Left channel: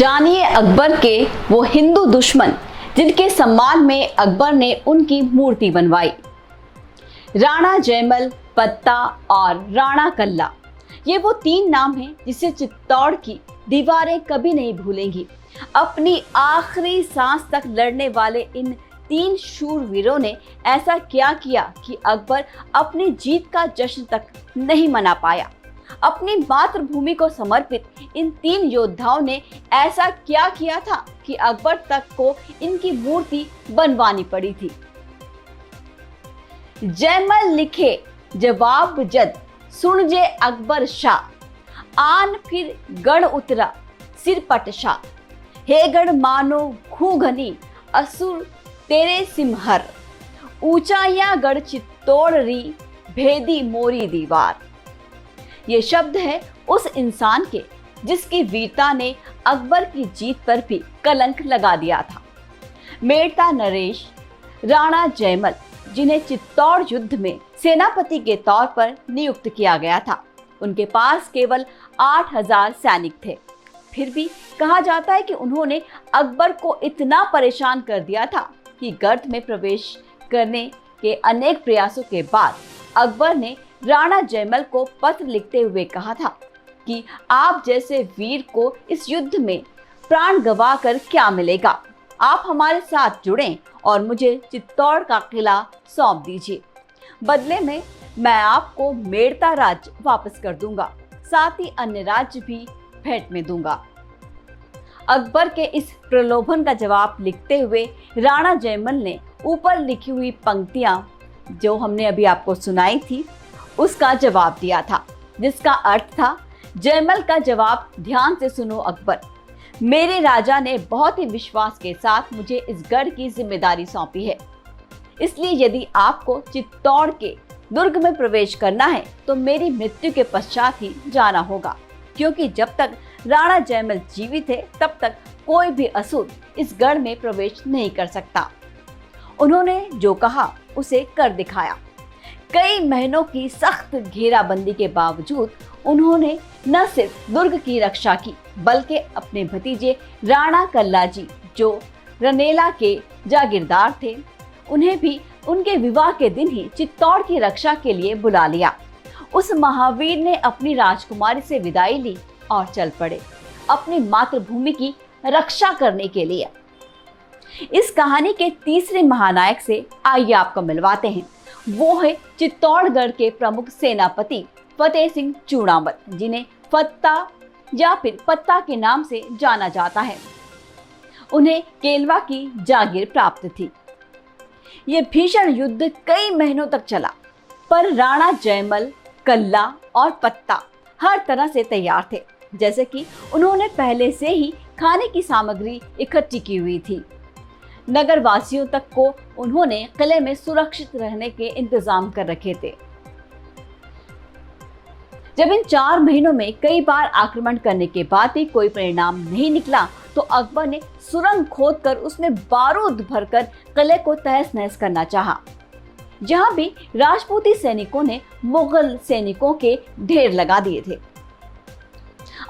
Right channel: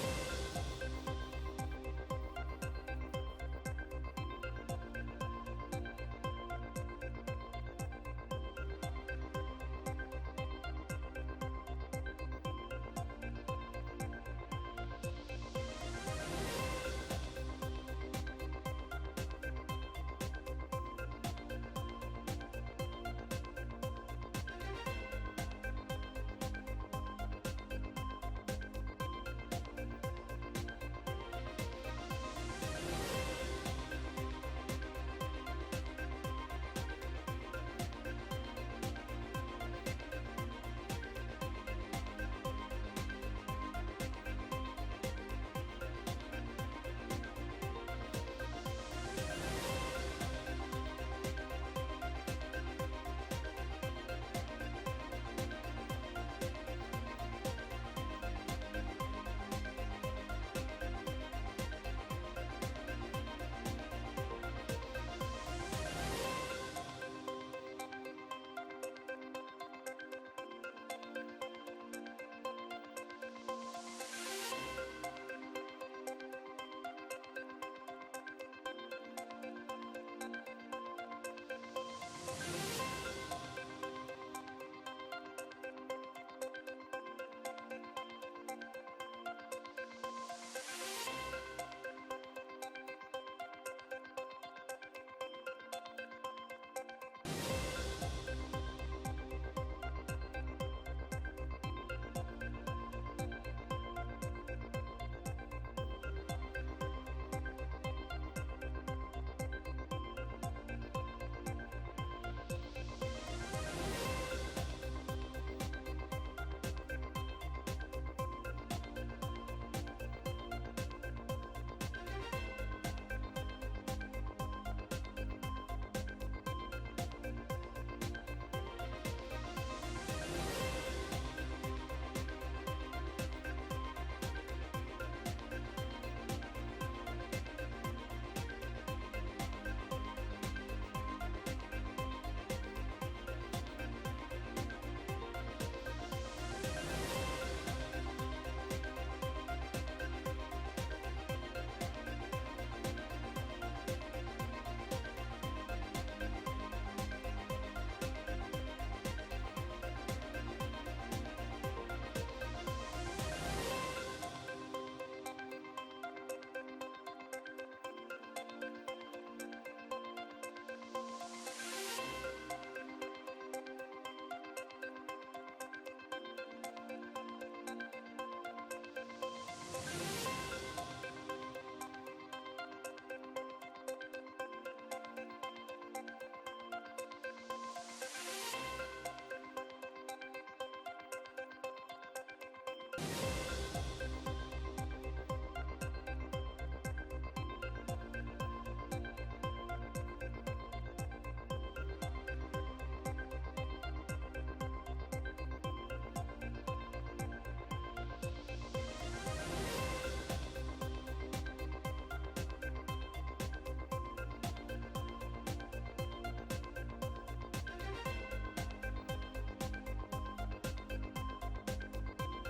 जानिए अकबर के वो हिंदू दुश्मन जिनके सम्मान में अकबर ने उनकी मूर्ति बनवाई। राणा जयमल, पत्ता और राणा कल्ला, ये वो तीन नाम हैं जिसे चित्तौड़ की दीवारें कभी नहीं भूलेंगी। अपनी आखिरी सांस तक लड़ने वाले इन तीन शूरवीरों ने ऐसा क्या किया कि अकबर अपनी जीत का जश्न तक नहीं मना पाया। अपनी मातृभूमि को समर्पित इन तीन योद्धाओं ने ऐसा क्या किया था कि अकबर तक को इनकी मूर्ति बनवानी पड़ी थी। जयमल लिखे जवाब जद सुन जे अकबर शाह, आन फिर गढ़ उतरा सिर पटशा। हे गढ़ मानो खूघनी असुर तेरे सिमहर, ऊंचाइयां गढ़ चित्तौड़ री भेदी मोरी दीवार। ये शब्द है उस इंसान के जिसकी वीरता ने अकबर की जीत पर भी कलंक लगा दिया था। मेड़ता नरेश राणा जयमल, जिन्हें चित्तौड़ युद्ध में सेनापति के तौर पर नियुक्त किया गया था, उनके पास केवल 8000 सैनिक थे। फिर भी कहा जाता है कि उन्होंने अकबर को इतना परेशान कर दिया था कि गर्त में प्रवेश करने के अनेक प्रयासों के बाद अकबर ने राणा जयमल को पत्र लिखते हुए कहा था कि आप जैसे वीर को इस युद्ध में प्राण गंवाकर क्या मिलेगा। आप हमारे साथ जुड़ें और मुझे चित्तौड़ का किला सौंप दीजिए। बदले में मैं आपको मेड़ता राज्य वापस कर दूंगा, साथ ही अन्य राज्य भी भेंट में दूंगा। अकबर के इस प्रलोभन का जवाब लिखते हुए राणा जयमल ने ऊपर लिखी हुई पंक्तियां जो हमने अभी आपको सुनाई थी उसका जवाब दिया था, जिसका अर्थ था, जयमल का जवाब ध्यान से सुनो अकबर। मेरे राजा ने बहुत ही विश्वास के साथ मुझे इस गढ़ की जिम्मेदारी सौंपी है, इसलिए यदि आपको चित्तौड़ के दुर्ग में प्रवेश करना है तो मेरी मृत्यु के पश्चात ही जाना होगा, क्योंकि जब तक राणा जयमल जीवित है तब तक कोई भी असुर इस गढ़ में प्रवेश नहीं कर सकता। उन्होंने जो कहा उसे कर दिखाया। कई महीनों की सख्त घेराबंदी के बावजूद उन्होंने न सिर्फ दुर्ग की रक्षा की, बल्कि अपने भतीजे राणा कल्ला जी, जो रनेला के जागीरदार थे, उन्हें भी उनके विवाह के दिन ही चित्तौड़ की रक्षा के लिए बुला लिया। उस महावीर ने अपनी राजकुमारी से विदाई ली और चल पड़े अपनी मातृभूमि की रक्षा करने के लिए। इस कहानी के तीसरे महानायक से आइए आपको मिलवाते हैं। वो है चित्तौड़गढ़ के प्रमुख सेनापति फतेह सिंह चूड़ामल, जिन्हें फत्ता या फिर पत्ता के नाम से जाना जाता है। उन्हें केलवा की जागीर प्राप्त थी। ये भीषण युद्ध कई महीनों तक चला, पर राणा जयमल, कल्ला और पत्ता हर तरह से तैयार थे, जैसे कि उन्होंने पहले से ही खाने की सामग्री इकट्ठी की हुई थी। नगर वासियों तक को उन्होंने किले में सुरक्षित रहने के इंतजाम कर रखे थे। जब इन 4 महीनों में कई बार आक्रमण करने के बाद भी कोई परिणाम नहीं निकला, तो अकबर ने सुरंग खोदकर उसमें बारूद भरकर किले को तहस नहस करना चाहा। जहां भी राजपूती सैनिकों ने मुगल सैनिकों के ढेर लगा दिए थे।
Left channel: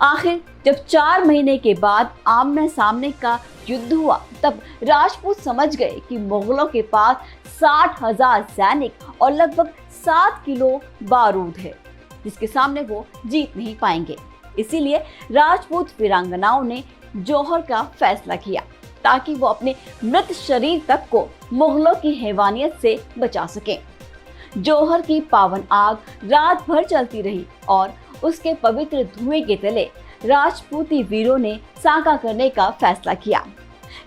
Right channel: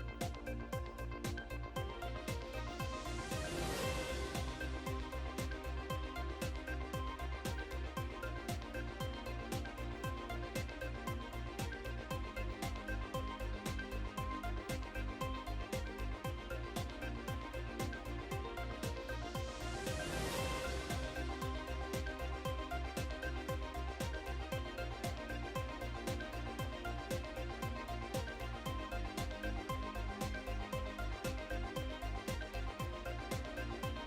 आखिर जब 4 महीने के बाद आमने सामने का युद्ध हुआ, तब राजपूत समझ गए कि मुगलों के पास 60,000 सैनिक और लगभग 7 किलो बारूद है, जिसके सामने वो जीत नहीं पाएंगे। इसीलिए राजपूत वीरांगनाओं ने जौहर का फैसला किया, ताकि वो अपने मृत शरीर तक को मुगलों की हैवानियत से बचा सके। जौहर की पावन आग रात भर चलती रही और उसके पवित्र धुएं के तले राजपूती वीरों ने साका करने का फैसला किया।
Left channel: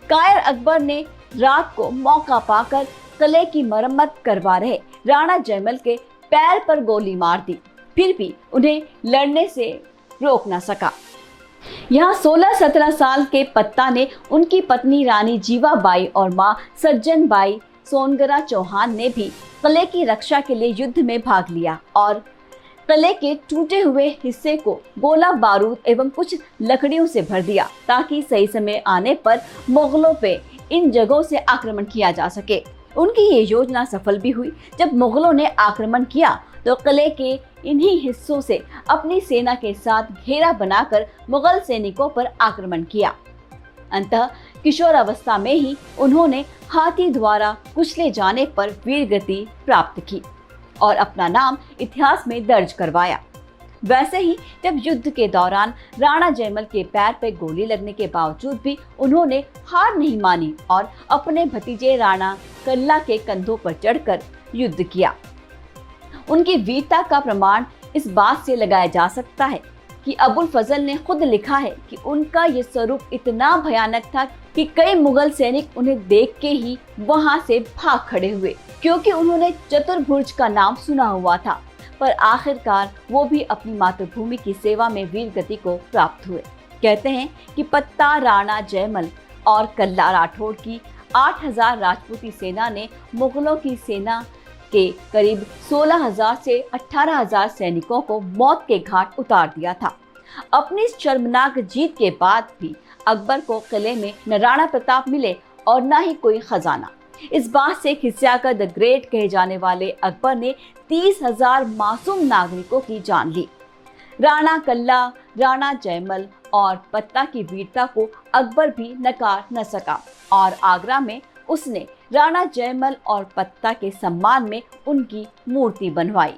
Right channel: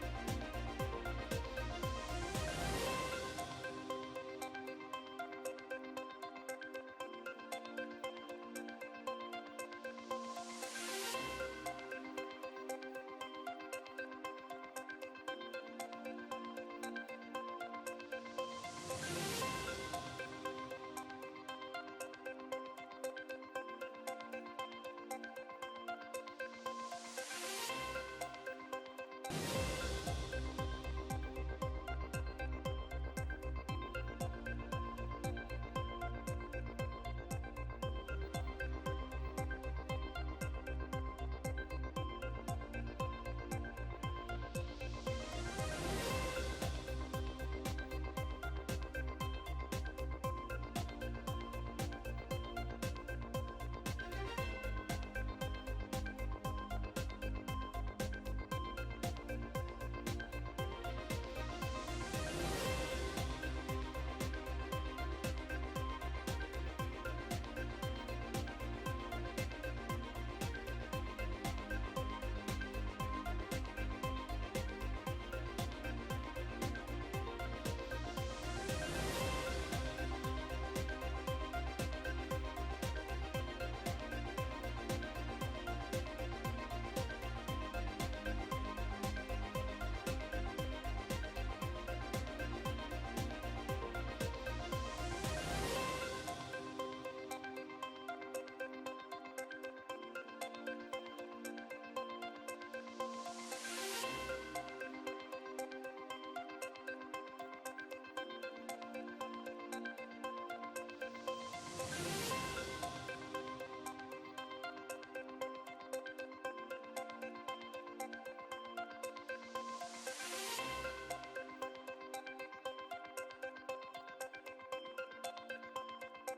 कायर अकबर ने रात को मौका पाकर किले की मरम्मत करवा रहे राणा जयमल के पैर पर गोली मार दी, फिर भी उन्हें लड़ने से रोक न सका। यहाँ 16-17 साल के पत्ता ने उनकी पत्नी रानी जीवाबाई और माँ सज्जन बाई सोनगरा चौहान ने भी किले की रक्षा के लिए युद्ध में भाग लिया और किले के टूटे हुए हिस्से को गोला बारूद एवं कुछ लकड़ियों से भर दिया, ताकि सही समय आने पर मुगलों पे इन जगहों से आक्रमण किया जा सके। उनकी ये योजना सफल भी हुई। जब मुगलों ने आक्रमण किया तो किले के इन्हीं हिस्सों से अपनी सेना के साथ घेरा बनाकर मुगल सैनिकों पर आक्रमण किया। अंततः किशोरावस्था में ही उन्होंने हाथी द्वारा कुचले जाने पर वीरगति प्राप्त की और अपना नाम इतिहास में दर्ज करवाया। वैसे ही जब युद्ध के दौरान राणा जयमल के पैर पे गोली लगने के बावजूद भी उन्होंने हार नहीं मानी और अपने भतीजे राणा कल्ला के कंधों पर चढ़कर युद्ध किया। उनकी वीरता का प्रमाण इस बात से लगाया जा सकता है कि अबुल फजल ने खुद लिखा है कि उनका ये स्वरूप इतना भयानक था कि कई मुगल सैनिक उन्हें देख के ही वहां से भाग खड़े हुए, क्योंकि उन्होंने चतुर्भुज का नाम सुना हुआ था। पर आखिरकार वो भी अपनी मातृभूमि की सेवा में वीर गति को प्राप्त हुए। कहते हैं कि पत्ता, राणा जयमल और कल्ला राठौड़ की 8000 राजपूती सेना ने मुगलों की सेना के करीब 16000 से 18000 सैनिकों को मौत के घाट उतार दिया था। अपनी इस शर्मनाक जीत के बाद भी अकबर को किले में न राणा प्रताप मिले और न ही कोई खजाना। इस बात से खिसियाकर द ग्रेट कहे जाने वाले अकबर ने 30,000 मासूम नागरिकों की जान ली। राणा कल्ला, राणा जयमल और पत्ता की वीरता को अकबर भी नकार न सका और आगरा में उसने राणा जयमल और पत्ता के सम्मान में उनकी मूर्ति बनवाई।